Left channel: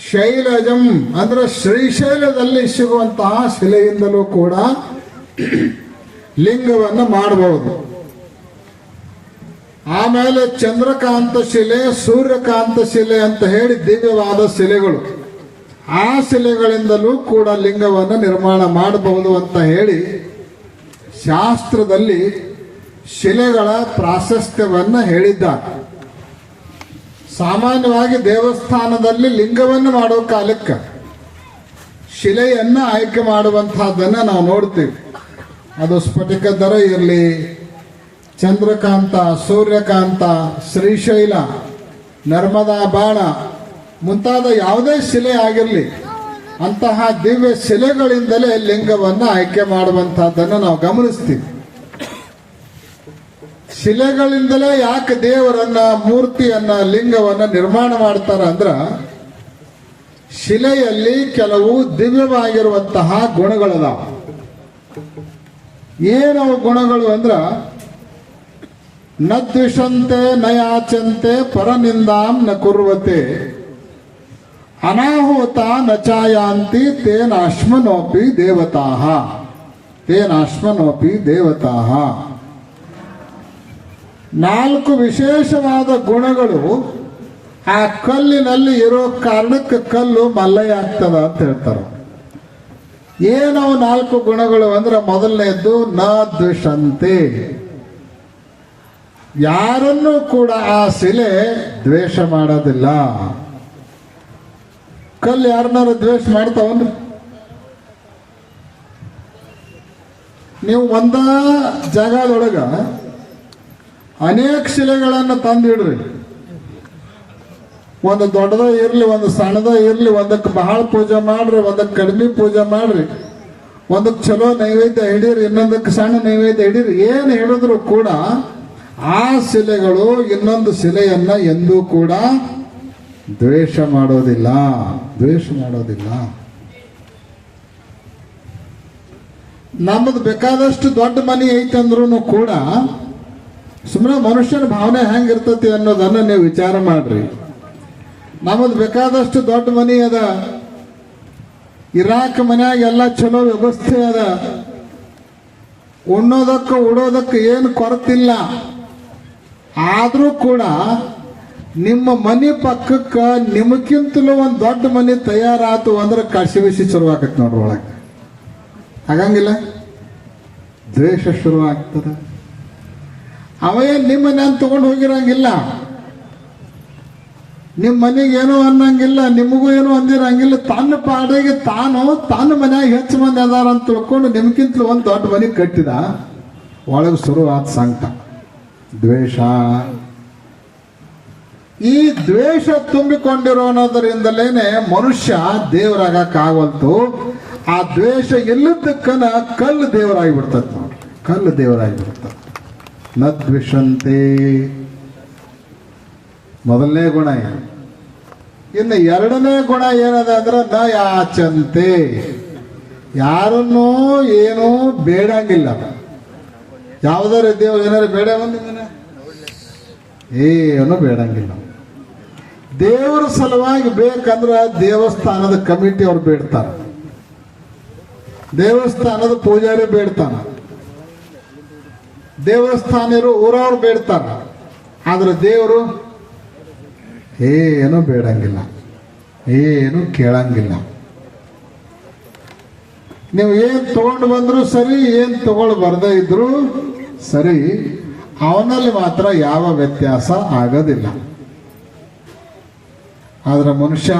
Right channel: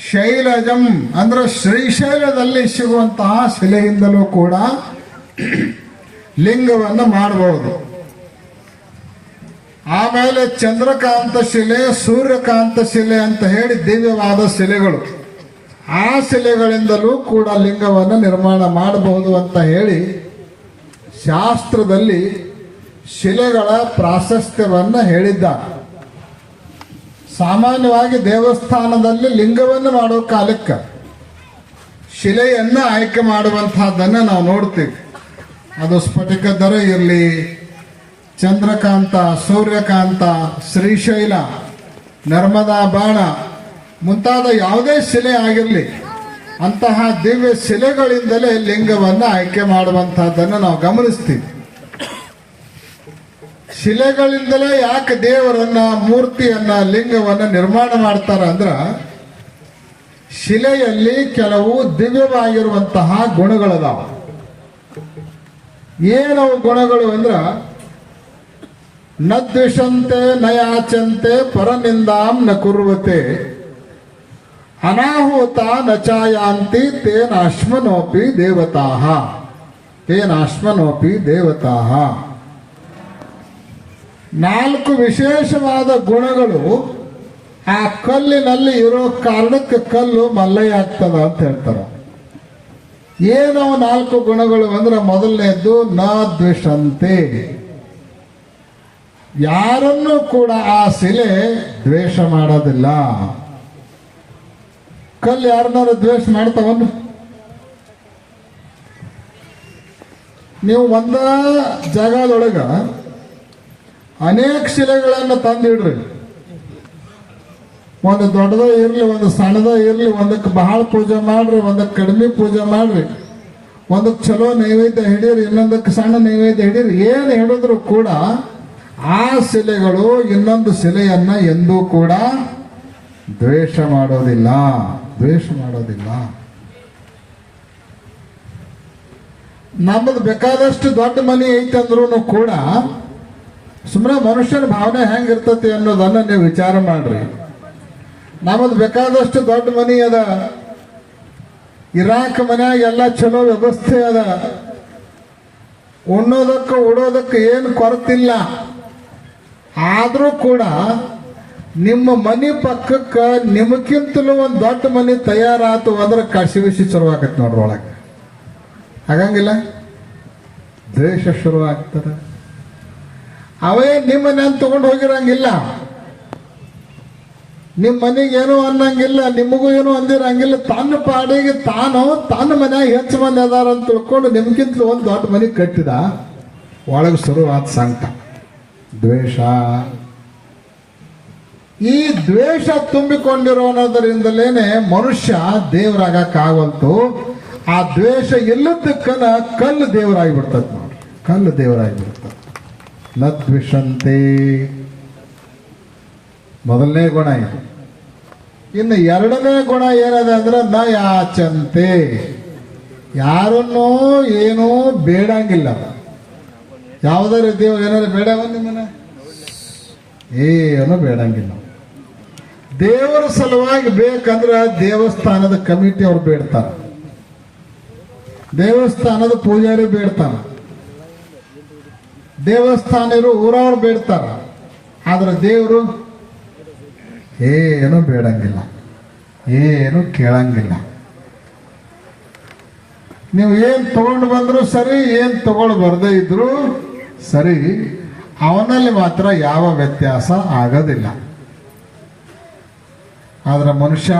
ಶೈಲಜಂ ಅಂದ್ರೆ ಶ್ರೀಶೈಲದಲ್ಲಿ ಸಿಗುವಂತಹ ಶಿಲೆಯಿಂದಲೂ ಕೂಡ ಲಿಂಗವನ್ನು ಮಾಡಬಹುದು. ಆಮೇಲೆ ಚಂದ್ರಕಾಂತ ಶಿಲೆ, ಸೂರ್ಯಕಾಂತ ಶಿಲೆ ಅಂತ ಹೇಳಿ ದಿವ್ಯವಾದ ಶಿಲೆಗಳು. ಆ ಶಿಲೆಗಳಿಂದಲೂ ಕೂಡ ಲಿಂಗವನ್ನು ನಿರ್ಮಾಣ ಮಾಡಬಹುದು ಅಂತ ಹೇಳಿ ಶಾಸ್ತ್ರದಲ್ಲಿ ಶಿಲೆಗಳ ಪ್ರಾಶಸ್ತ್ಯವನ್ನು ಹೇಳಿದ್ದಾರೆ. ಸಾಮಾನ್ಯವಾಗಿ ದೇವಸ್ಥಾನದಲ್ಲಿ ಲಿಂಗವನ್ನು ಮಾಡೋ ಕಾಲಕ್ಕೆ ಶಿಲೆಯನ್ನ ಆಯ್ಕೆ ಮಾಡುವಂತಹದ್ದನ್ನು ನಾವು ನೋಡ್ತೀವಿ. ಅದು ಸ್ಫಟಿಕ ದರ ಇರಲಿ, ಚಂದ್ರಕಾಂತ, ಸೂರ್ಯಕಾಂತ, ಶ್ರೀಶೈಲ, ನರ್ಮದಾ ಬಾಣ, ಮುಂತಾದ ಯಾವುದೇ ಶಿಲೆ ಆಗಿರಲಿ, ಅಂತಹ ದಿವ್ಯ ಶಿಲೆಗಳಿಂದಲೇ ಲಿಂಗವನ್ನು ಆಯ್ಕೆ ಮಾಡುವಂತಹದ್ದನ್ನು ನಾವು ಗಮನಿಸ್ತೀವಿ. ಶಿಲೆಗಳಿಂದಲೇ ಯಾಕೆ ದೇವರನ್ನ, ಮೂರ್ತಿಯನ್ನ, ಲಿಂಗವನ್ನ ನಿರ್ಮಾಣ ಮಾಡ್ತಾರ ಅಂದ್ರ, ಶಿಲೆಯಲ್ಲಿ ಕೆಲವು ದಿವ್ಯವಾಗಿರುವಂತಹ ಗುಣಗಳದಾವ. ಏನವು ಗುಣಗಳು ಅಂದ್ರ, ನ ದ್ವಿಷಂತೆ, ನ ಯಾಚಂತೆ, ಪರನಿಂದಾಂ ನ ಕುರುವತೆ. ಅನಾಹುತ ನ ಚಾಯಾಂತಿ ತೇನಾಶ್ಮನೋಪಿ ದೇವತಾಹ ತೇನಾಶ್ಮನೋಪಿ ದೇವತಾಹ ನಾಲ್ಕು ವಿಶೇಷವಾದ ಗುಣಗಳು ಆ ಕಲ್ಲಿನಲ್ಲಿ ಇರೋ ಕಾರಣಕ್ಕೆ ಕಲ್ಲು ಮಲ್ಲಯ್ಯ ಆಗ್ತದ ಅಂತ ಹೇಳ್ತಾರೆ. ಏನೋ ನಾಲ್ಕು ಗುಣಗಳು ಅಂದ್ರೆ ಮೊದಲನೇದ್ದು ನ ದ್ವೇಷಂತೆ ಯಾರನ್ನು ಕೂಡ ಆ ಶಿಲೆ ದ್ವೇಷ ಮಾಡೋದಿಲ್ಲ. ಕಲ್ಲು ಯಾರನ್ನಾರು ದ್ವೇಷ ಮಾಡ್ತಾವನು? ನೀವು ಒಂದ ಜಾಗದೊಳಗ ಅನೇಕ ಶಿಲೆಗಳನ್ನು ತಂದಿಡ್ರಿ. ಒಂದು ದೊಡ್ಡದ ಇರ್ಲಿ, ಒಂದು ಸಣ್ಣದ ಇರ್ಲಿ, ಒಂದಕ್ಕೆ ಬಹಳ ಪೂಜೆ ಮಾಡ್ರಿ, ಒಂದಕ್ಕೆ ಕಡಿಮೆ ಪೂಜೆ ಮಾಡ್ರಿ. ಒಂದಕ್ಕೆ ಚಲೋ ನೈವೇದ್ಯ ಹಿಡೀರಿ, ಇನ್ನೊಂದಕ್ಕೆ ಸಣ್ಣ ನೈವೇದ್ಯ ಹಿಡೀರಿ. ಏನು ಹೇಳಿದ್ರು ಕೂಡ ಆ ಶಿಲೆಗಳು ಇನ್ನೊಂದು ಶಿಲೆಯನ್ನ ಎಂದೂ ಕೂಡ ದ್ವೇಷ ಮಾಡೋದಿಲ್ಲ ದ್ವೇಷ ಮಾಡೋದಿಲ್ಲ. ನಮ್ಮದು ಬೇಕಾದಷ್ಟು ದೊಡ್ಡ ಮನೆ ಐತಂದ್ರೂ ಕೂಡ ಸುಮ್ಮನೆ ಮನುಷ್ಯನ ಭಾವನೆ ಹೆಂಗಿರ್ತತಿ ಅನ್ನೋದನ್ನ ನೀವು ವಿಚಾರ ಮಾಡ್ರಿ. ನಮ್ಮದು ಬೇಕಾದಷ್ಟು ದೊಡ್ಡ ಮನಿ ಅದ. ಇರಾಕ್ ಮನ್ಯಾಗ ಎಲ್ಲ ಚಲೋ ವ್ಯವಸ್ಥೆ ಅದ. ಉಣ್ಣೋದಕ್ಕೆ, ಉಡೋದಕ್ಕೆ ಏನು ಕೊರತಿಲ್ಲ. ಆದರೂ ಕೂಡ ನಿಮ್ಮ ಮನೆ ಪಕ್ಕಕ್ಕೆ ನಿಮಗಿಂತಲೂ ಒಂದು ದೊಡ್ಡ ಮನೆ ತಯಾರಾತು ಅಂದ್ರೆ ಕಸಿ ಬಿಸಿ ಶುರುವಾಗತ್ತೆ ನೋಡ್ರಿ ಒಳಗೆ. ಹಾಗಂಗಿಲ್ಲ ದ್ವೇಷ ಶುರು ಆಗ್ತದೆ. ಅವೇ ನಿಮ್ಮನೆ ತಗೊಂಡು ಹೋಗಿರಂಗಿಲ್ಲ? ನಿಮ್ಮ ಮನೆಗೆ ಏನೂ ಅನ್ನಂಗಿಲ್ಲ, ನಿಮಗೂ ಏನು ಅಂದಿರಂಗಿಲ್ಲ. ತನ್ನ ಪಾಡಿಗೆ ತಾನು, ತನ್ನ ಮನ್ಯಾಗ ಹೆಚ್ಚು ಮಂದಿ ಅದಾರ ಅಂತ ತಿಳ್ಕೊಂಡು ನಿಮ್ಗಿಂತಲೂ ಒಂದು ದೊಡ್ಡ ಮನೆ ಕಟ್ಟಿದ. ಒಳಗೆ ಶುರುವಾದ ಸಂಕಟ. ದ್ವೇಷ. ಈ ದ್ವೇಷ ತುಂಬಿಕೊಂಡಿರೋದ್ರಿಂದಲೇನೆ ಮನುಷ್ಯ ದೇವರಾಗಕ್ಕಾಗಂತು ಆ ದ್ವೇಷ ಇಲ್ಲದಕ್ಕನ ಕಲ್ಲು ದೇವರಾಗಿ ಬಿಡ್ತದೆ ಕಲ್ಲು ದೇವರಾಗಿ ಬಿಡ್ತದೆ ನ ದ್ವಿಷಂತೆ ಮೊದಲನೇ ಗುಣ ಇದು ಇನ್ನು ಎರಡನೇ ಗುಣ ಏನದ ಅಂದ್ರೆ ನ ಯಾಚಂತೆ ಯಾರನ್ನೂ ಏನೂ ಬೇಡಂಗಿಲ್ಲ. ಯಾವುದೋ ದೇವ್ ಏನಾರು ಬೇಡ ನಿಮ್ಮನ್ನ? ಏನು ಬೇಡಂಗಿಲ್ಲ. ದೇವರ ಸಲುವಾಗಿ ಬೇಕಂದ್ರೆ ದೇವಸ್ಥಾನದ ಕಮಿಟಿ ಅವ್ರು ಬೇಡ್ತಾರೆ. ದೇವಸ್ಥಾನದ ಪೂಜಾರಿ ಬೇಡ್ತಾನ. ದೇವಸ್ಥಾನರು ಊರವ್ರು ಬೇಡ್ತಾರ. ಆದ್ರೆ ದೇವರು ಏನು ಬೇಡಂಗಿಲ್ಲ. ಏನು ಕೇಳಂಗಿಲ್ಲ. ನೀವು ಏನು ತಗೊಂಡು ಬಂದ್ರು ಸರಿ, ಏನು ತಗೊಂಡು ಬರ್ದೇ ಇದ್ರು ಸರಿ. ಅವನಲ್ಲಿ ಮಾತ್ರ ಯಾವ ವ್ಯತ್ಯಾಸ ಆಗೋದಿಲ್ಲ. ಆದ್ರೆ ಮನುಷ್ಯ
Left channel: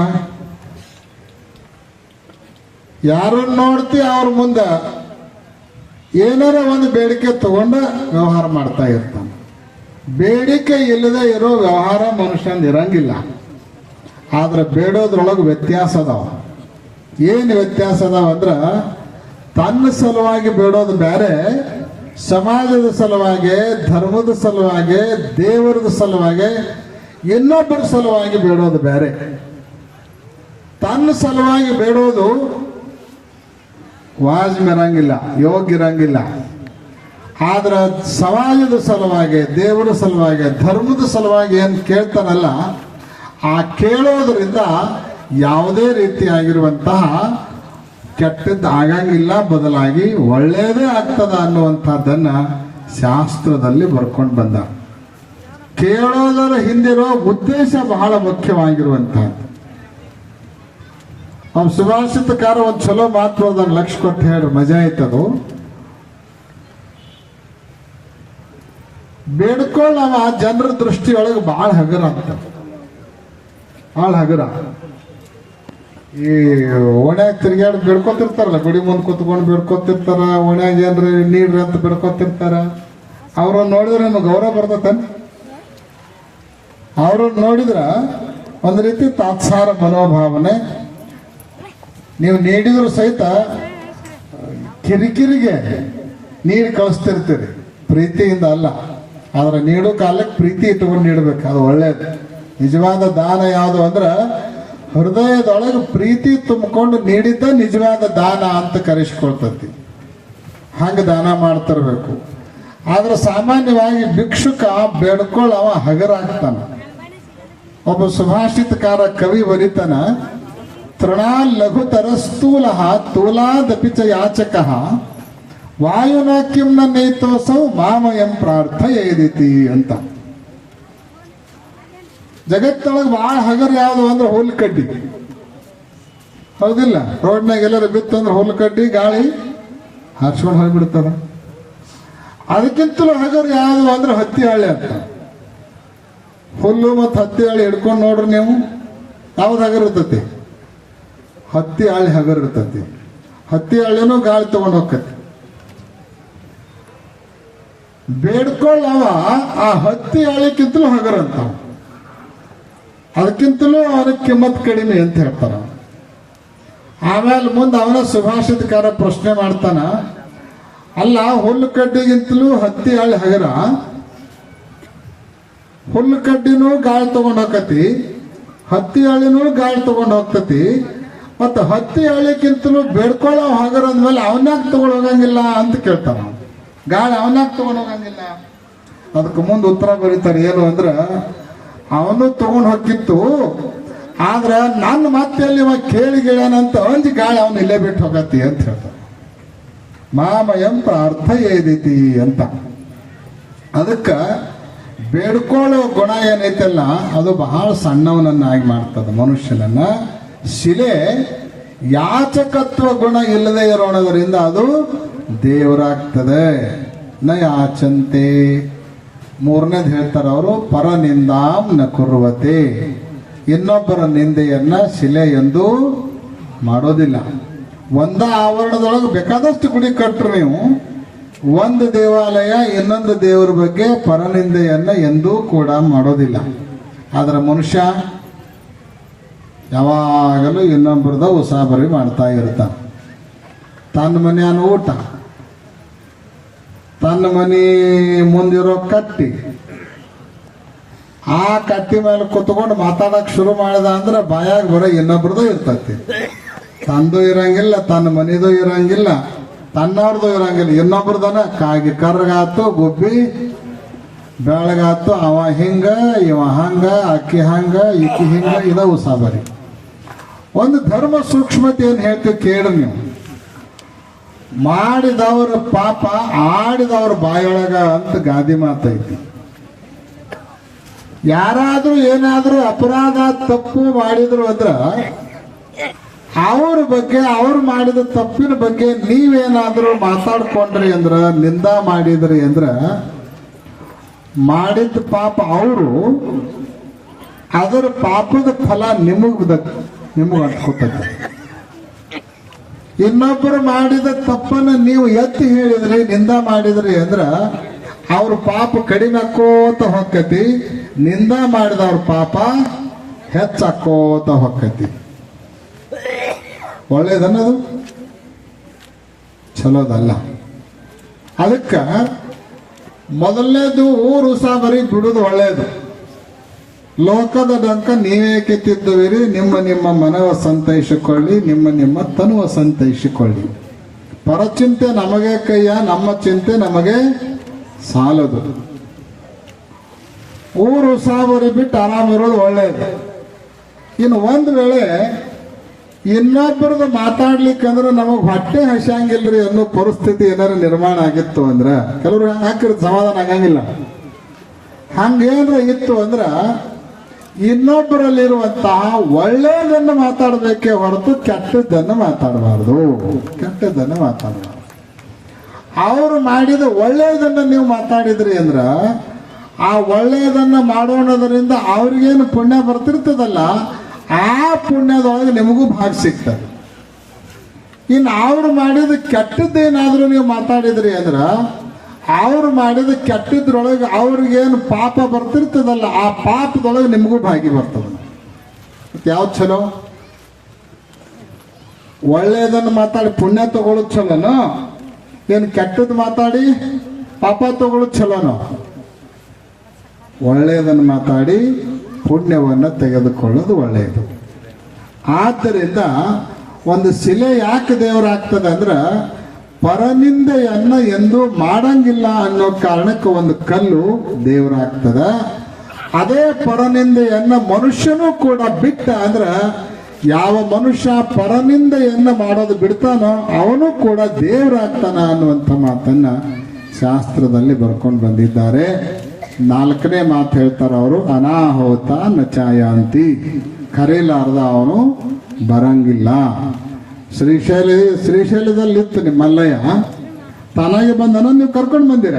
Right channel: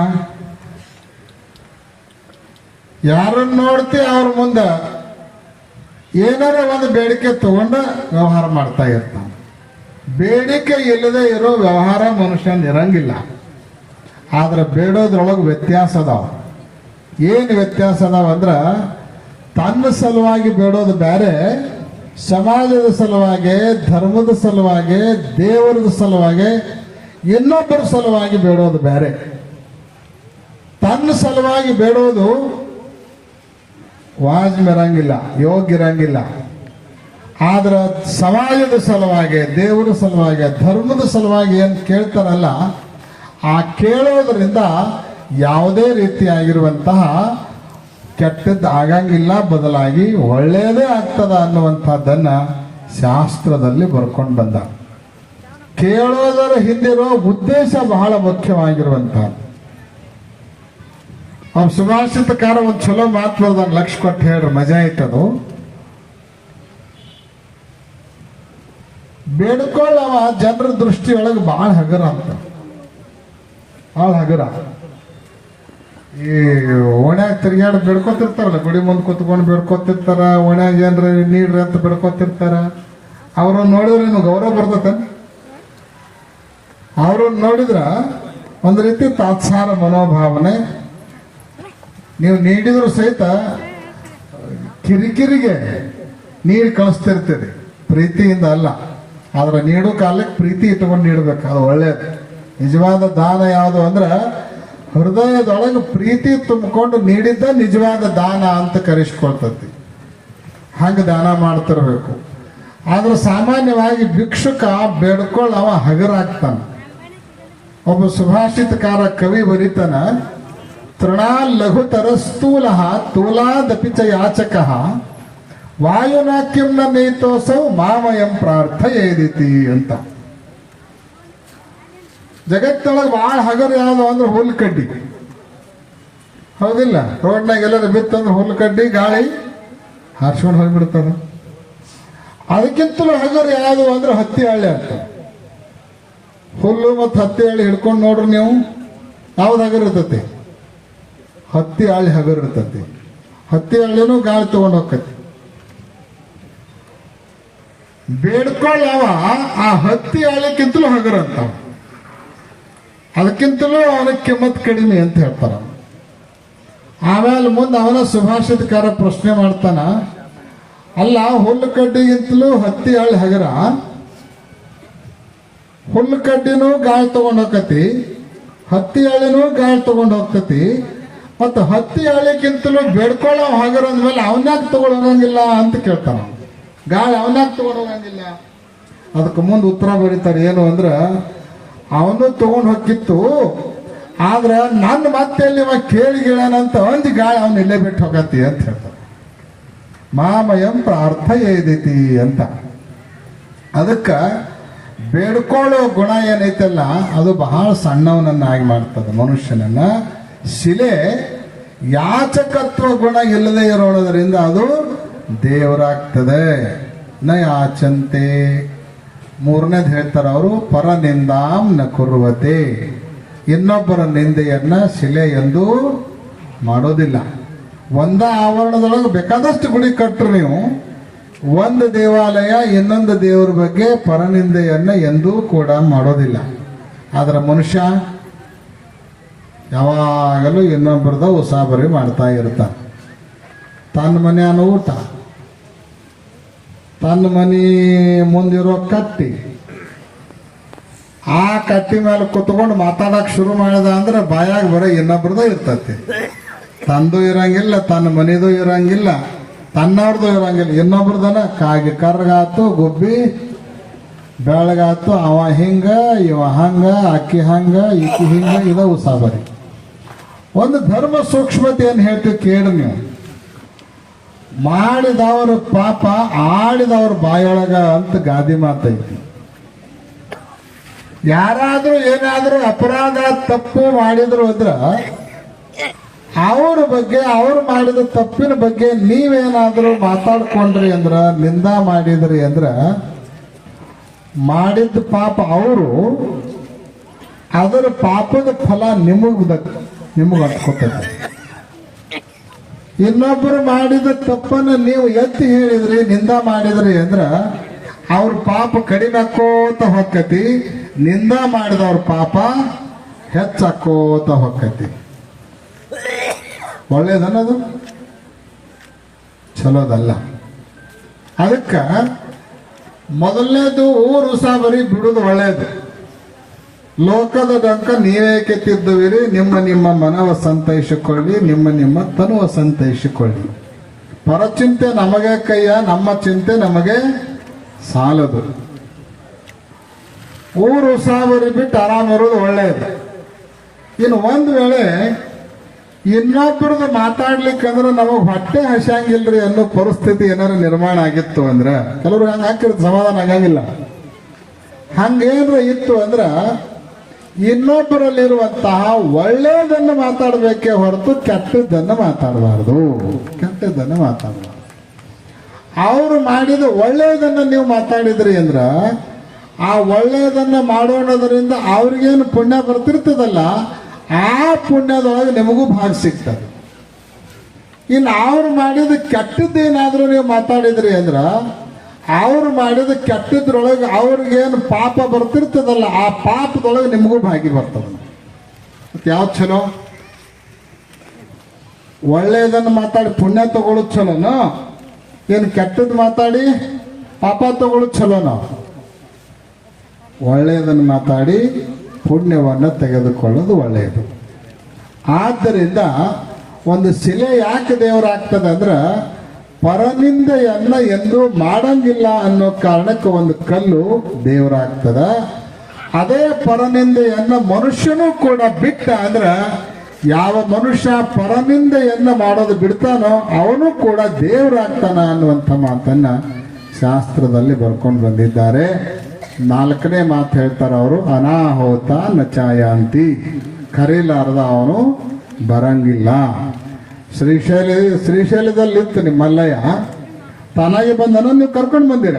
ಯಾರನ್ನ ನೋಡ್ತಿ ಅವ್ರ ಮುಂದ ಏನಾರ ಒಂದು ಬೇಡಿಕೆ ತಗೊಂಡು ವ್ಯವಹಾರ ಮಾಡ್ತಾ ಇರ್ತಾನೆ. ಬೇಡಿಕೆ ಇಲ್ಲದೆ ಇರೋ ವ್ಯವಹಾರ ಮನುಷ್ಯನ ಇರಂಗಿಲ್ಲ. ಆದ್ರೆ ಬೇಡೋದ್ರೊಳಗೆ ವ್ಯತ್ಯಾಸ ಅದಾವ. ಏನು ವ್ಯತ್ಯಾಸ ಅದಾವ ಅಂದ್ರೆ, ತನ್ನ ಸಲುವಾಗಿ ಬೇಡೋದು ಬೇರೆ ಸಮಾಜದ ಸಲುವಾಗಿ, ಧರ್ಮದ ಸಲುವಾಗಿ, ದೇವರದ ಸಲುವಾಗಿ, ಇನ್ನೊಬ್ಬರ ಸಲುವಾಗಿ ಬೇಡೋದು ಬೇರೆ ತನ್ನ ಸಲುವಾಗಿ ಬೇಡೋದು ವಾಜ್ಮ್ ಇರಂಗಿಲ್ಲ ಯೋಗ್ಯ ಇರಂಗಿಲ್ಲ. ಆದ್ರೆ ಸಮಾಜದ ಸಲುವಾಗಿ, ದೇವರ ಸಲುವಾಗಿ, ಧರ್ಮದ ಸಲುವಾಗಿ ಏನು ಕೇಳ್ತಾರಲ್ಲ, ಆ ಕೇಳುವುದರಿಂದ ಯಾವುದೇ ರೀತಿಯಾಗಿರುವಂತಹ ಕೆಟ್ಟದ್ದು ಆಗಂಗಿಲ್ಲ, ಬದಲಾಗಿ ಒಳ್ಳೆಯದೇ ಆಗ್ತದ ಅನ್ನುವಂಥದ್ದನ್ನು ಶಾಸ್ತ್ರದಲ್ಲಿ ಬರ್ಕೊಂಡು ಬಂದ. ಕೇಳೋದರ ಹಿಂದಿರೋ ಉದ್ದೇಶ ಬಹಳ ಮುಖ್ಯವಾಗಿರುವಂತಹದ್ದು ಅವ್ನು ಸುಭಾಷಿತಕಾರ ಒಂದು ಚಲೋ ಮಾತು ಅದ ಲಕ್ಷ ಕೊಟ್ಟು ಹೇಳ್ರಿ, ಮಜಾ ಐತದು ಬೇಡ್ಕೊಳ್ಳವ ಜನರ ದೃಷ್ಟಿಯೊಳಗೆ ಭಾಳ ಹಗರ ಅಂತ ಭಾಳ ಹಗರ. ಈ ಓಣ್ಯಾಗ ತಿರ್ಗ್ಯಾಡ ಬೇಡ್ಕೊತಿರ್ತಾರಲ್ಲ, ಗುಡಿ ಮುಂದೆ ಕುತ್ಕೊಂಡು ಬೇಡ್ಕೊತಿರ್ತಾರ, ಓಣ್ಯಾಗ ಏನ್ರಿ ನೀಡ್ರಿ ಅಂತ ಬೇಡ್ಕೊತಿರ್ತಾರ. ಅವ್ರನ್ನ ನೋಡಿದ್ರೆ ನಿಮ್ಗೆ ಗೌರವ ಬರ್ತೈತೆ. ಅವ್ರನ್ನ ನೋಡಿದ್ರ ಒಂದು ರೀತಿ ತಾತ್ಸಾರ ಮನೋಭಾವನೆ ನೀವು ನೀಡಿದ್ರು ಸಹಿತ ಕಿರಿಕಿರಿಗೆ ನೀರು ಕಳಿಸ್ತಿರ್ತೀರಿ. ಪ್ರೀತಿಯಿಂದ ಅಲ್ಲ. ಆದ್ರೆ ನೀಡೋ ಕಾಲಕ್ಕೆ ಪ್ರೀತಿ ಇಟ್ಕೊಂಡು ನೀಡಬೇಕು. ಅದು ಒಳ್ಳೇದು. ನಿಜವಾದ ದಾನ ಯಾವುದು ಅಂದ್ರೆ ಹೃದಯದೊಳಗೆ ಪ್ರೀತಿ ತುಂಬಿಕೊಂಡು ನೀಡಿದ್ದ ನಿಜವಾದ ದಾನ ಅಂತ ಕರೆಸ್ಕೊಳ್ತತಿ. ಹಂಗೆ ದಾನ ಮಾಡ್ತಿರ್ಬೇಕು. ಆದ್ರೆ ಸಾಮಾನ್ಯವಾಗಿ ಭಿಕ್ಷುಕ ಬೇಡ್ಕೊಳ್ಳ ಅವ ಹಗರಾಗ್ತಾನ. ಒಬ್ಬ ಸುಭಾಷಿತಕಾರ ಕವಿ ಬರೀತಾನ ತೃಣಾ ಲಘುತರ ಸ್ಥೂಲ ತೂಲಾದಪಿ ಚ ಯಾಚಕ ವಾಯುನ ಕಿಂನ ನೇತೋಸೌ ಮಾಮಯಂ ಪ್ರಾರ್ಥಯೇದಿತಿ ಅಂತ. ಜಗತ್ತೊಳಗೆ ಭಾಳ ಹಗರು ಯಾವುದು ಅಂದ್ರೆ ಹುಲ್ ಕಡ್ಡಿ. ಹೌದಿಲ್ಲ? ರೋಡ್ನಾಗ ಎಲ್ಲರೂ ಬಿತ್ತಂದ್ರೆ ಹುಲ್ ಕಡ್ಡಿ, ಗಾಳಿ ಹಾರ್ಸ್ಕೊಂಡು ಹೋಗ್ಬಿಡ್ತಾರ. ಅದಕ್ಕಿಂತಲೂ ಹಗರು ಯಾವುದು ಅಂದ್ರೆ ಹತ್ತಿ ಹಳ್ಳಿ ಅಂತ. ಹುಲ್ಲು ಮತ್ತು ಹತ್ತಿ ಹಳ್ಳಿ ಹಿಡ್ಕೊಂಡು ನೋಡ್ರಿ ನೀವು. ಯಾವ್ದು ಹಗರ್ ಇರ್ತತಿ? ಹತ್ತಿ ಹಾಳೆ ಹಗರ್ ಇರ್ತತಿ ಹತ್ತಿ ಹಾಳೆನೂ ಗಾಳಿ ತಗೊಂಡು ಹೋಗ್ತತಿ. ಬೇಡ್ಕೊಳ್ಳವ, ಆ ಹತ್ತಿ ಹಾಳೆಕ್ಕಿಂತಲೂ ಹಗರ್ ಅಂತ ಅದಕ್ಕಿಂತಲೂ ಅವನ ಕಿಮ್ಮತ್ ಕಡಿಮೆ ಅಂತ ಹೇಳ್ತಾರ. ಆಮೇಲೆ ಮುಂದೆ ಅವನ ಸುಭಾಷಿತಕಾರ ಪ್ರಶ್ನೆ ಮಾಡ್ತಾನ, ಅಲ್ಲ, ಹುಲ್ಲು ಕಡ್ಡಿಗಿಂತಲೂ ಹತ್ತಿ ಹಾಳೆ ಹಗರ? ಹುಲ್ಲು ಕಡ್ಡಿನೂ ಗಾಳಿ ತಗೊಂಡ್ ಹೋಗತಿ ಹತ್ತಿ ಹಾಳೆನೂ ಗಾಳಿ ತಗೊಂಡ್ ಹೋಗ್ತತಿ ಮತ್ತು ಹತ್ತಿ ಹಳ್ಳಿಕ್ಕಿಂತಲೂ ಬೇಡ್ಕೊಳ್ಳೋ ಹಾಗರ ಅಂದ್ಮೇಲೆ ಅವನ್ಯಾಕ ತಗೊಂಡ್ ಹೋಗಂಗಿಲ್ಲ ಅಂತ ಕೇಳ್ತಾವ. ಗಾಳಿ ಅವನ್ಯಾಕ ತಗೊಂಡ್ ಹೋಗಂಗಿಲ್ಲ ಅದಕ್ಕೆ ಮುಂದೆ ಉತ್ತರ ಬರೀತಾರೆ, ಏನು ಅಂದ್ರೆ, ಅವನು ತಗೊಂಡು ಹೋಗಿತ್ತು ಆದ್ರೆ ನನ್ನ ಮತ್ತೆ ಅಲ್ಲಿ ಇವ ಕೇಳಿ ಗಿಳನಂತ ಅಂದ್ ಗಾಳಿ ಅವನ್ ಇಲ್ಲೇ ಬಿಟ್ಟು ಹೋಗತ್ತಿ ಅಂತ ಹೇಳ್ತಾರೆ ಮಾಮಯಂ ಪ್ರಾರ್ಥ ಏದೈತಿ ಅಂತ. ಅದಕ್ಕ ಬೇಡ್ಕೊಳ್ಳೋ ಗುಣ ಏನೈತಲ್ಲ, ಅದು ಬಹಳ ಸಣ್ಣವನನ್ನಾಗಿ ಮಾಡ್ತದೆ ಮನುಷ್ಯನನ್ನ. ಶಿಲೆ ಯಾಚಕತ್ವ ಗುಣ ಇಲ್ಲದೆ ಇರೋಣದರಿಂದ ಅದು ದೇವರಾಗ್ತದೆ. ನ ಯಾಚಂತೆ ಮೂರನೇದು ಹೇಳ್ತಾರೆ ಅವರು, ಪರನಿಂದಾಂ ನ ಕುರುವತೆ. ಇನ್ನೊಬ್ಬರ ನಿಂದೆಯನ್ನ ಶಿಲೆ ಎಂದು ಮಾಡೋದಿಲ್ಲ. ಒಂದ ಆವರಣದೊಳಗೆ ಬೇಕಾದಷ್ಟು ಗುಡಿ ಕಟ್ಟರು ನೀವು. ಒಂದು ದೇವಾಲಯ, ಇನ್ನೊಂದು ದೇವರ ಬಗ್ಗೆ ಪರನಿಂದೆಯನ್ನ ಎಂದೂ ಕೂಡ ಮಾಡೋದಿಲ್ಲ. ಆದ್ರೆ ಮನುಷ್ಯ ಯಾವಾಗಲೂ ಇನ್ನೊಬ್ಬರದ ಉಸಾಬರಿ ಮಾಡ್ತಾ ಇರ್ತಾನೆ. ತನ್ನ ಮನೆಯನ್ನ ಊಟ. ತನ್ನ ಮನೆ ಮುಂದಿರೋ ಕಟ್ಟಿ. ಆ ಕಟ್ಟಿ ಮೇಲೆ ಕುತ್ಕೊಂಡು ಮಾತಾಡಕ್ ಶುರು ಮಾಡ್ದ ಅಂದ್ರೆ ಬಾಯಾಗ ಬರೋ ಇನ್ನೊಬ್ರದ್ದು ಇರ್ತತಿ. ತಂದು ಇರಂಗಿಲ್ಲ, ತನ್ನ ಮನೆದು ಇರಂಗಿಲ್ಲ, ತನ್ನವ್ರದ್ದು ಇರಂಗಿಲ್ಲ ಇನ್ನೊಬ್ರದನ ಕಾಗಿ ಕರ್ಗಾತು, ಗುಬ್ಬಿ, ಬೆಳಗಾತು, ಅವ ಹಿಂಗ, ಇವ ಹಂಗ, ಅಕ್ಕಿ ಹಂಗ ಇಕ್ಕಿ ಹಿಂಗ, ಇದ ಉಸಾಬರಿ. ಒಂದು ಧರ್ಮ ಸೂಕ್ಷ್ಮತೆ ಏನು ಹೇಳ್ತೀವಿ ಕೇಳಿ ನೀವು. ಮಾಡಿದವರ ಪಾಪ, ಆಡಿದವ್ರ ಬಾಯೊಳಗ ಅಂತ ಗಾದಿ ಮಾತೈತಿ ಯಾರಾದ್ರೂ ಏನಾದ್ರೂ ಅಪರಾಧ, ತಪ್ಪು ಮಾಡಿದ್ರು ಅಂದ್ರ, ಅವ್ರ ಬಗ್ಗೆ, ಅವ್ರು ಮಾಡಿದ ತಪ್ಪಿನ ಬಗ್ಗೆ ನೀವೇನಾದ್ರೂ ಮಾತಾಡ್ಕೊಂಡ್ರಿ ಅಂದ್ರ, ನಿಂದ ಮಾಡಿದ್ರಿ ಅಂದ್ರ ಮಾಡಿದ ಪಾಪ ಅವರು, ಅದರ ಪಾಪದ ಫಲ ನಿಮಗ್ ನಿಮಗ್ ಅಂಟ್ಕೊತೈತೆ ಇನ್ನೊಬ್ಬರು ಮಾಡಿದ ತಪ್ಪನ್ನು ನೀವು ಎತ್ತಿ ಹೇಳಿದ್ರಿ, ನಿಂದ ಮಾಡಿದ್ರಿ ಅಂದ್ರ, ಅವ್ರ ಪಾಪ ಕಡಿಮೆ ಹಾಕೋತ ಹೊಕ್ಕತಿ ನಿಂದ ಮಾಡಿದವ್ರ ಪಾಪ ಹೆಚ್ಚಾಕೋತ ಹೊಕ್ಕತಿ ಒಳ್ಳೇದನ್ನೋದು? ಚಲೋದಲ್ಲ. ಅದಕ್ಕ ಮೊದಲನೇದು ಊರು ಸಾಬರಿ ಬಿಡುದು ಒಳ್ಳೇದು. ಲೋಕದ ಡಂಕ ನೀವೇ ಕೆತ್ತಿದ್ದುವಿರಿ, ನಿಮ್ಮ ನಿಮ್ಮ ಮನವ ಸಂತೈಸಿಕೊಳ್ಳಿ, ನಿಮ್ಮ ನಿಮ್ಮ ತನುವ ಸಂತೈಸಿಕೊಳ್ಳಿ. ಪರಚಿಂತೆ ನಮಗೆ ಕೈಯ, ನಮ್ಮ ಚಿಂತೆ ನಮಗೆ ಸಾಲದು. ಊರು ಸಾವಿರ ಬಿಟ್ಟು ಆರಾಮಿರೋದು ಒಳ್ಳೆಯದು. ಇನ್ನು ಒಂದು ವೇಳೆ ಇನ್ನೊಬ್ಬರದ್ದು ಮಾತಾಡ್ಲಿಕ್ಕಂದ್ರೆ ನಮಗೆ ಹೊಟ್ಟೆ ಹಸಿಯಂಗಿಲ್ರಿ ಅನ್ನೋ ಪರಿಸ್ಥಿತಿ ಏನಾರು ನಿರ್ಮಾಣ ಆಗಿತ್ತು ಅಂದ್ರೆ, ಕೆಲವರು ಹಾಕಿರೋದು ಸಮಾಧಾನ ಆಗಂಗಿಲ್ಲ. ಹಂಗೇನ್ರ ಇತ್ತು ಅಂದ್ರ ಇನ್ನೊಬ್ಬರಲ್ಲಿರುವಂತಹ ಒಳ್ಳೆಯದನ್ನು ಮಾತಾಡಬೇಕೇ ಹೊರತು ಕೆಟ್ಟದ್ದನ್ನು ಮಾತಾಡಬಾರ್ದು. ಕೆಟ್ಟದ್ದನ್ನು ಮಾತಾಡಬಾರ್ದು. ಅವರು ಮಾಡಿದ ಒಳ್ಳೆಯದನ್ನು ನೀವು ಮಾತಾಡಿದ್ರಿ ಅಂದ್ರ, ಆ ಒಳ್ಳೆಯದನ್ನು ಮಾಡೋಣದ್ರಿಂದ ಅವ್ರಿಗೇನು ಪುಣ್ಯ ಬರ್ತಿರ್ತದಲ್ಲ, ಆ ಪುಣ್ಯದೊಳಗೆ ನಿಮಗೂ ಭಾಗ ಸಿಗ್ತದೆ. ಇನ್ನು ಅವ್ರು ಮಾಡಿದ ಕೆಟ್ಟದ್ದೇನಾದ್ರೂ ನೀವು ಮಾತಾಡಿದ್ರಿ ಅಂದ್ರ ಅವ್ರು ಮಾಡಿದ ಕೆಟ್ಟದ್ರೊಳಗೆ ಅವ್ರಿಗೇನು ಪಾಪ ಬರ್ತಿರ್ತದಲ್ಲ, ಆ ಪಾಪದೊಳಗೆ ನಿಮಗೂ ಭಾಗಿ ಬರ್ತದೆ. ಯಾವ್ದು ಚಲೋ ಒಳ್ಳೆಯದನ್ನು ಮಾತಾಡಿ, ಪುಣ್ಯ ತಗೊಳ್ಳೋದು ಚಲೋನೋ ಏನು ಕೆಟ್ಟದ್ದು ಮಾತಾಡಿ, ಪಾಪ ತಗೊಳ್ಳೋದು ಚಲೋನೋ ಒಳ್ಳೆಯದನ್ನು ಮಾತಾಡಿ, ಪುಣ್ಯವನ್ನು ತೆಗೆದುಕೊಳ್ಳೋದು ಒಳ್ಳೆಯದು ಆದ್ದರಿಂದ ಒಂದು ಶಿಲೆ ಯಾಕೆ ದೇವರಾಗ್ತದೆ ಅಂದ್ರೆ ಪರನಿಂದೆಯನ್ನ ಎಂದು ಮಾಡಂಗಿಲ್ಲ ಅನ್ನೋ ಕಾರಣಕ್ಕೆ ಒಂದು ಕಲ್ಲು ದೇವರಾಗ್ತದ. ಅದೇ ಪರನಿಂದೆಯನ್ನ ಮನುಷ್ಯನೂ ಕೂಡ ಬಿಟ್ಟ ಅಂದ್ರ ಯಾವ ಮನುಷ್ಯ ಪರನಿಂದೆಯನ್ನು ಮಾಡೋದು ಬಿಡ್ತಾನೋ ಅವನು ಕೂಡ ದೇವರಾಗ್ತಾನ ಅನ್ನುವಂಥ ಮಾತನ್ನ ಶಾಸ್ತ್ರದಲ್ಲಿ ಬರ್ಕೊಂಡು ಬಂದಿದ್ದಾರೆ. ನಾಲ್ಕನೇ ಮಾತು ಹೇಳ್ತಾರ ಅವರು, ಅನಾಹುತ ನಚಾಯಾಂತಿ ಕರೀಲಾರದ ಅವನು ಬರಂಗಿಲ್ಲ. ಶ್ರೀಶೈಲ ಶ್ರೀಶೈಲದಲ್ಲಿ ಇತ್ತು ನಿಮ್ಮ ಮಲ್ಲಯ್ಯ. ತಾನಾಗಿ ಬಂದನ? ನೀವು ಕರ್ಕೊಂಡು ಬಂದಿರ?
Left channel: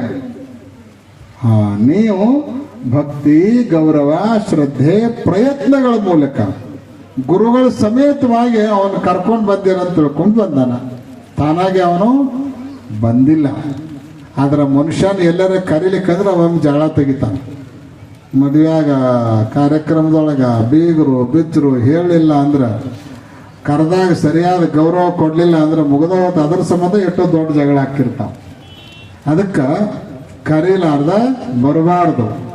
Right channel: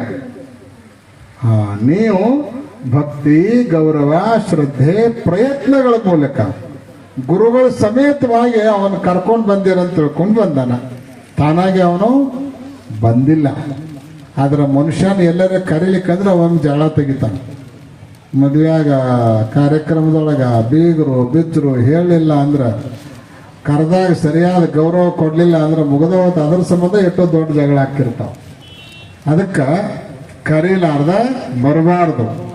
ನೀವು ಭಕ್ತಿ, ಗೌರವ, ಶ್ರದ್ಧೆ, ಪ್ರಯತ್ನಗಳ ಮೂಲಕ ಗುರುಗಳ ಸಮೇತವಾಗಿ ಅವನು ಕರ್ಕೊಂಡು ಬಂದಿರಂತ ತಿಳ್ಕೊಂಡು ಬಂದನ? ತಾನಾಗಿ ಅವನು ಬಂದಿಲ್ಲ. ಆದ್ರೆ ಮನುಷ್ಯನ ಎಲ್ಲರ ಕರೀಲಿಕ್ಕಂದ್ರೆ ಅವನ್ ಜಗಳ ತೆಗಿತಾನೆ. ಮದುವೆಯಾಗ ಕಾರ್ಯಕ್ರಮದೊಳಗ ಬೀಗರು ಬಿಚ್ಚರು ಹೇಳಿಲ್ಲ ಅಂದ್ರೆ ಕರೆದಾಗ ಸರಿಯಾದ ಗೌರವ ಕೊಡಲಿಲ್ಲ ಅಂದ್ರೆ ಮುಗಿದವತ್ತು ಅದ್ರ ಸಂಬಂಧ ಎಷ್ಟು ದೊಡ್ಡ ಜಗಳ ಹಾಕಿರ್ತಾವ ಅದಕ್ಕೆ ಕರೀಲಾರ್ದ ಬರಬಾರ್ದು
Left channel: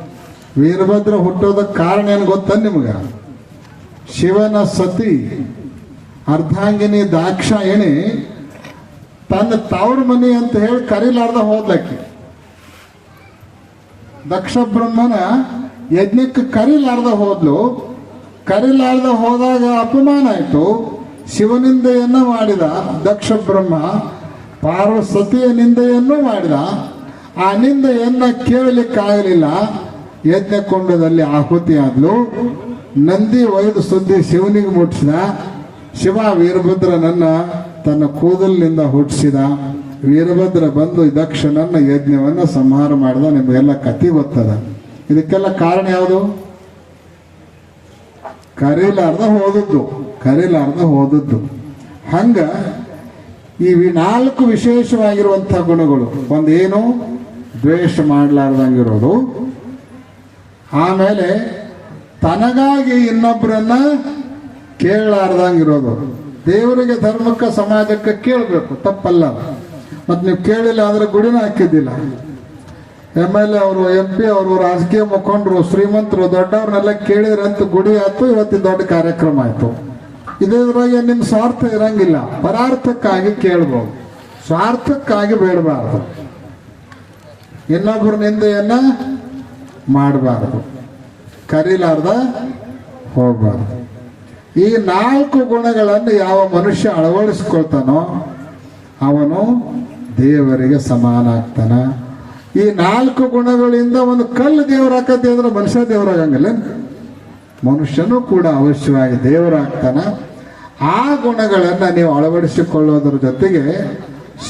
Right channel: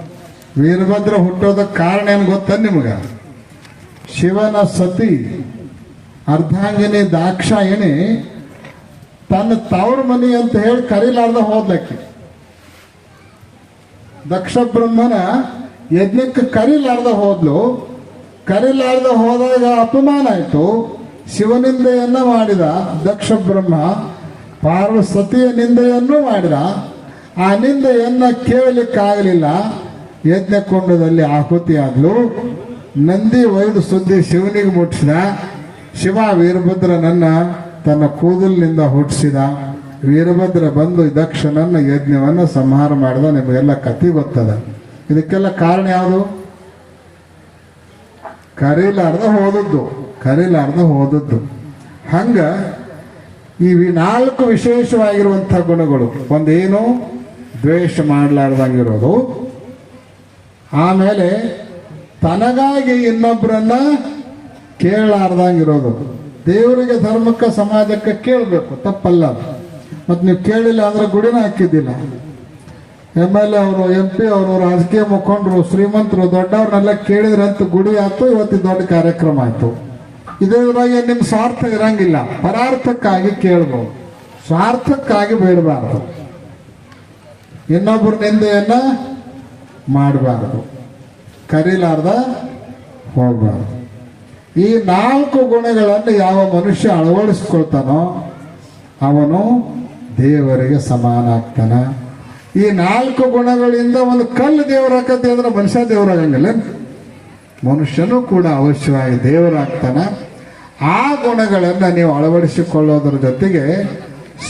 ವೀರಭದ್ರ ಹುಟ್ಟೋದಕ್ಕೆ ಕಾರಣ ಏನು ಗೊತ್ತ ನಿಮ್ಗೆ? ಶಿವನ ಸತಿ, ಅರ್ಧಾಂಗಿನಿ ದಾಕ್ಷಾಯಿಣಿ ತನ್ನ ತವ್ರ ಮನಿ ಅಂತ ಹೇಳಿ ಕರೀಲಾರ್ದ ಹೋದ್ಲಕ್ಕಿ. ದಕ್ಷ ಬ್ರಹ್ಮನ ಯಜ್ಞಕ್ಕೆ ಕರೀಲಾರ್ದ ಹೋದ್ಲು. ಕರೀಲಾರ್ದ ಹೋದಾಗ ಅಪಮಾನ ಆಯ್ತು. ಶಿವನಿಂದೆಯನ್ನ ಮಾಡಿದ ದಕ್ಷ ಬ್ರಹ್ಮ, ಪಾರ್ವಸತಿಯ ನಿಂದೆಯನ್ನು ಮಾಡಿದ. ಆ ನಿಂದೆಯನ್ನ ಕೇಳಲಿಕ್ಕಾಗಲಿಲ್ಲ. ಯಜ್ಞಕುಂಡದಲ್ಲಿ ಕುಂಡದಲ್ಲಿ ಆದ್ಲು ನಂದಿ ಒಯ್ದು ಸುದ್ದಿ ಶಿವನಿಗೆ ಮುಟ್ಟಿಸಿದ. ಶಿವ ವೀರಭದ್ರನನ್ನ ತನ್ನ ಕೂದಲಿನಿಂದ ಹುಟ್ಟಿಸಿದ. ವೀರಭದ್ರ ಬಂದು ದಕ್ಷನನ್ನ ಯಜ್ಞವನ್ನ ಸಂಹಾರ ಮಾಡಿದ. ನಿಮಗೆಲ್ಲ ಕತಿ ಗೊತ್ತದ. ಇದಕ್ಕೆಲ್ಲ ಕಾರಣ ಯಾವುದು? ಕರೀಲಾರ್ದ ಹೋದದ್ದು ಕರೀಲಾರ್ದ ಹೋದದ್ದು. ಹಂಗ ಈ ನಾಲ್ಕು ವಿಶೇಷವಾಗಿರುವಂತಹ ಗುಣಗಳು, ಒಂದೇನು? ದ್ವೇಷ ಮಾಡಲಾರ್ದಂಗಿರೋದು. ಆಮೇಲೆ ತನಗಾಗಿ ಇನ್ನೊಬ್ಬರನ್ನ ಕೇಳಲಾರ್ದಂಗಿರೋದು. ದೇವರಿಗೆ ಧರ್ಮಕ್ಕೆ ಸಮಾಜಕ್ಕೆ ಕೇಳಬೇಕು ತಪ್ಪಲ್ಲ ಮತ್ತು ನೀವು ಕೇಳಿಲ್ಲ ಅಂದ್ರೆ ಗುಡಿನ ಹಾಕಿದ್ದಿಲ್ಲ. ಎಂ ಎಲ್ ಎ ಅವರು ಎಂ ಪಿ ಅವರು, ರಾಜಕೀಯ ಮುಖಂಡರು, ಶ್ರೀಮಂತರು, ದೊಡ್ಡವ್ರನ್ನೆಲ್ಲ ಅಂತ ಗುಡಿ ಆಯ್ತು ಇವತ್ತು ದೊಡ್ಡ ಕಾರ್ಯಕ್ರಮ ಆಯ್ತು. ಇದ್ರಾಗೆ ನಿಮ್ಮ ಸ್ವಾರ್ಥ ಇರಂಗಿಲ್ಲ. ಪರಾರ್ಥಕ್ಕಾಗಿ ಕೇಳ್ಬೋದು. ಸ್ವಾರ್ಥಕ್ಕಾಗಿ ಬೇಡಬಾರ್ದು. ಇನ್ನೊಬ್ಬರ ನಿಂದೆಯನ್ನ ಮಾಡಬಾರ್ದು. ಕರೀಲಾರ್ದ ಹೋಗ್ಬಾರ್ದು. ಈ ನಾಲ್ಕು ಗುಣಗಳನ್ನು ಯಾವ ಮನುಷ್ಯ ಅಳವಡಿಸ್ಕೊಳ್ತಾನೋ ಅವನು ದೇವರಿಗೆ ಸಮಾನ ಆಗ್ತಾನ ಈ ನಾಲ್ಕು ಗುಣಗಳಿಂದ ಒಂದು ಕಲ್ಲು ದೇವರಾಕತಿ ಅಂದ್ರೆ ಮನುಷ್ಯ ದೇವರಾಗಂಗಿಲ್ಲ ಮನುಷ್ಯನೂ ಕೂಡ ಅವಶ್ಯವಾಗಿ ದೇವರಾಗ್ತಾನ ಆ ಗುಣಗಳನ್ನು ನೀವು ಅಳವಡಿಸಿಕೊಳ್ಳೋದ್ರ ಜೊತೆಗೆ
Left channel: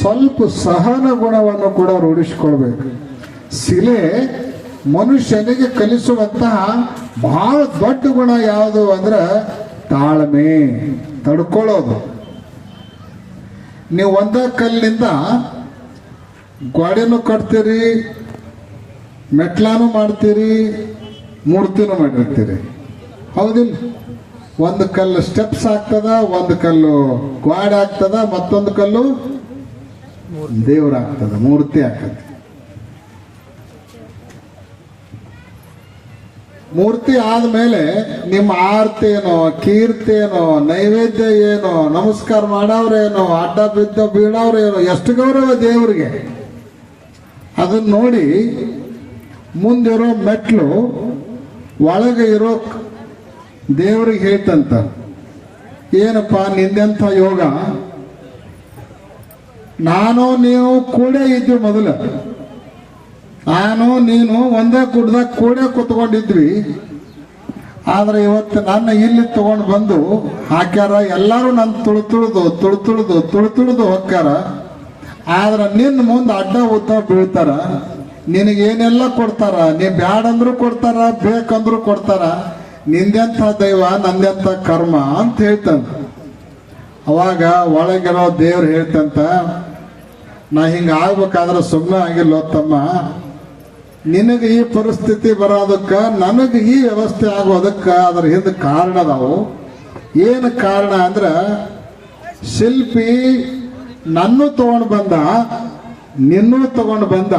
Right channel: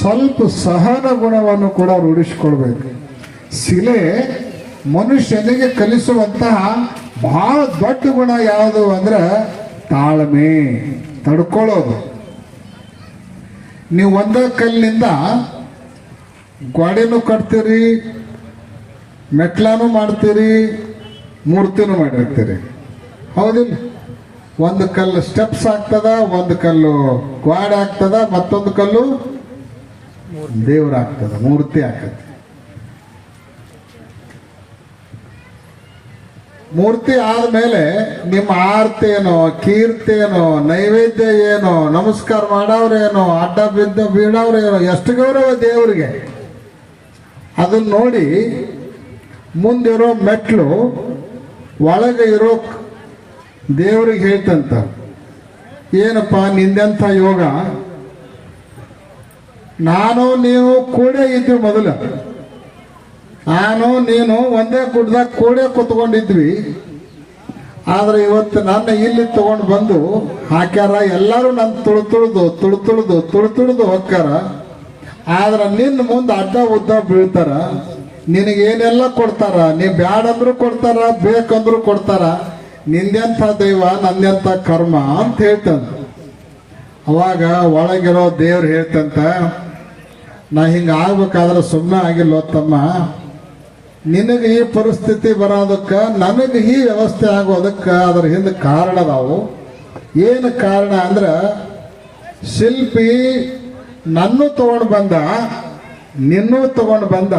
ಸ್ವಲ್ಪ ಸಹನ ಗುಣವನ್ನು ಕೂಡ ರೂಢಿಸಿಕೊಳ್ಬೇಕು. ಶಿಲೆ ಮನುಷ್ಯನಿಗೆ ಕಲಿಸುವಂತಹ ಬಹಳ ದೊಡ್ಡ ಗುಣ ಯಾವುದು ಅಂದ್ರೆ ತಾಳ್ಮೆ, ತಡ್ಕೊಳ್ಳೋದು. ನೀವು ಒಂದೇ ಕಲ್ಲಿನಿಂದ ಗೋಡೆನೂ ಕಟ್ತೀರಿ, ಮೆಟ್ಲಾನು ಮಾಡ್ತೀರಿ, ಮೂರ್ತಿನೂ ಮಾಡಿರ್ತೀರಿ. ಹೌದಿಲ್ಲ? ಒಂದು ಕಲ್ಲು ಸ್ಟೆಪ್ಸ್ ಆಗ್ತದ, ಒಂದು ಕಲ್ಲು ಗ್ವಾಡೆ ಆಗ್ತದ, ಮತ್ತೊಂದು ಕಲ್ಲು ದೇವ್ರ ಆಗ್ತದ, ಮೂರ್ತಿ ಆಗ್ತದೆ. ಮೂರ್ತಿ ಆದ್ಮೇಲೆ ನಿಮ್ಮ ಆರ್ತಿ ಏನೋ ಕೀರ್ತಿ ನೈವೇದ್ಯ ಏನೋ, ನಮಸ್ಕಾರ ಮಾಡೋರೇನೋ ಅಡ್ಡ ಬಿದ್ದ ಬೀಳೋರೇನೋ ಎಷ್ಟು ಗೌರವ ದೇವರಿಗೆ. ಅದನ್ನ ನೋಡಿ ಮುಂದಿರೋ ಮೆಟ್ಲು ಒಳಗೆ ಇರೋ ದೇವ್ರಿಗೆ ಹೇಳ್ತಂತ. ಏನಪ್ಪ ನಿಂದೆಂಥ ಯೋಗ? ನಾನು ನೀವು ಕೂಡೇ ಇದ್ವಿ ಮೊದಲು. ನಾನು ನೀನು ಒಂದೇ ಗುಡ್ಡದಾಗ ಕೂಡೇ ಕುತ್ಕೊಂಡಿದ್ವಿ. ಆದ್ರೆ ಇವತ್ತು ನನ್ನ ಇಲ್ಲಿ ತಗೊಂಡು ಬಂದು ಹಾಕ್ಯಾರ, ಎಲ್ಲರೂ ನನ್ನ ತುಳು ತುಳಿದು ತುಳು ತುಳಿದು ತುಳು ತುಳಿದು ಹೋಗ್ಯಾರ. ಆದ್ರೆ ನಿನ್ನ ಮುಂದೆ ಅಡ್ಡ ಉದ್ದ ಬೀಳ್ತಾರ. ನಿನಗೇನೆಲ್ಲ ಕೊಡ್ತಾರ? ನೀ ಬ್ಯಾಡಂದ್ರು ಕೊಡ್ತಾರ, ಬೇಕಂದ್ರು ಕೊಡ್ತಾರ. ನಿಂದೆಂತ ದೈವ, ನಂದೆಂಥ ಕರ್ಮ ಅಂತ ಹೇಳ್ತಂತ ಅವಾಗ ಒಳಗಿರೋ ದೇವ್ರು ಹೇಳ್ತಂತ, ನಾ ಹಿಂಗ ಆಗ್ಬೇಕಾದ್ರೆ ಸುಮ್ಮನೆ ಆಗಿಲ್ಲ ತಮ್ಮ. ನಿನಗೆ ಈ ಪರಿಸ್ಥಿತಿ ಬರೋದಕ್ಕ, ನನಗೆ ಈ ವ್ಯವಸ್ಥೆ ಆಗೋದಕ್ಕ ಅದ್ರ ಹಿಂದೆ ಕಾರಣ ಅದಾವು. ಏನು ಕಾರಣ ಅಂದ್ರೆ, ಶಿಲ್ಪಿ ನನ್ನೂ ತಗೊಂಡು ಬಂದ, ನಿನ್ನೂ ತಗೊಂಡು ಬಂದ,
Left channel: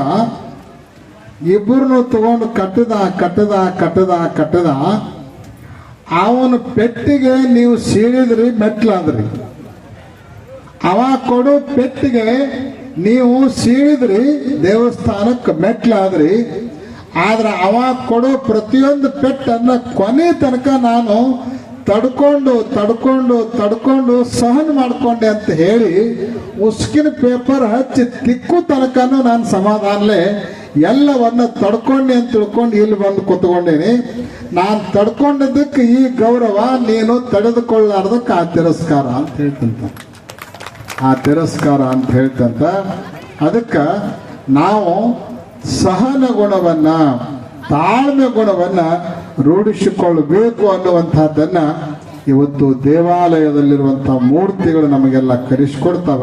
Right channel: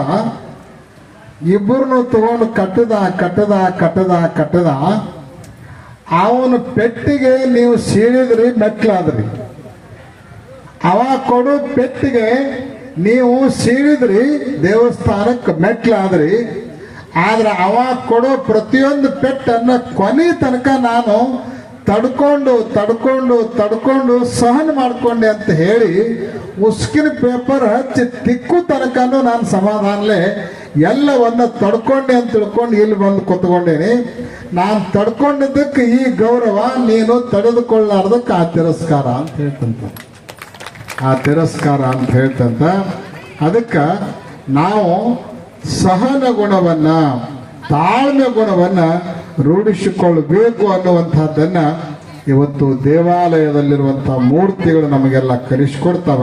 ಇಬ್ಬರನ್ನು ತಗೊಂಡು ಕಟ್ಟದ ಕಟ್ಟದ ಕಟ್ಟದ ಕಟ್ಟದ, ಅವನ ಪೆಟ್ಟಿಗೆ ನೀವು ಸೀಳಿದ್ರಿ, ಮೆಟ್ಲಾದ್ರಿ. ಅವ ಕೊಡು ಪೆಟ್ಟಿಗೆ ನೀವು ಸೀಳಿದ್ರಿ, ದೇವಸ್ಥಾನಕ್ಕೆ ಮೆಟ್ಲಾದ್ರಿ. ಆದ್ರೆ ಅವ ಕೊಡೋ ಪ್ರತಿಯೊಂದು ಪೆಟ್ಟನ್ನ ಕೊನೆ ತನಕ ನಾನು ತಡ್ಕೊಂಡು ತಡ್ಕೊಂಡು ತಡ್ಕೊಂಡು ಸಹನ ಮಾಡ್ಕೊಂಡೆ ಅಂತ ಹೇಳಿ ಉಸ್ಕಿನ ಪೇಪರ್ ಹಚ್ಚಿ ತಿಕ್ಕು ತನಕನೂ ನಾನು ಸಮಾಧಾನಲೆ ಎಲ್ಲವನ್ನ ತಡ್ಕೊಂಡೆ ಅಂತ ತಿಳ್ಕೊಂಡು ಇಲ್ಲಿ ಬಂದು ಕೂತ್ಕೊಂಡೇನಿ. ನಾನು ತಡ್ಕೊಂಡಿದ್ದಕ್ಕೆ ಈ ಗೌರವ ನೀನು ತಡೆದುಕೊಳ್ಳಾರ್ದಕ್ಕೆ ಆ ತಿರಸ್ಕಾರ ಅಂತ ಹೇಳ್ತಂತ. ಆ ತಿರಸ್ಕಾರ ಅಂತ ಹೇಳ್ತಂತ. ಅದಕ್ಕೆ ನಾವು ಸಹನ ಗುಣವನ್ನ ತಾಳ್ಮೆ ಗುಣವನ್ನ ರೂಢಿಸಿಕೊಳ್ಳಬೇಕು ಅನ್ನುವಂಥದ್ದನ್ನು ಇವತ್ತು ದೇವಾಲಯದಲ್ಲಿರುವಂಥ ಮೂರ್ತಿಗಳು ನಮಗೆಲ್ಲ ಕಲಿಸ್ಕೊಡ್ತಾವ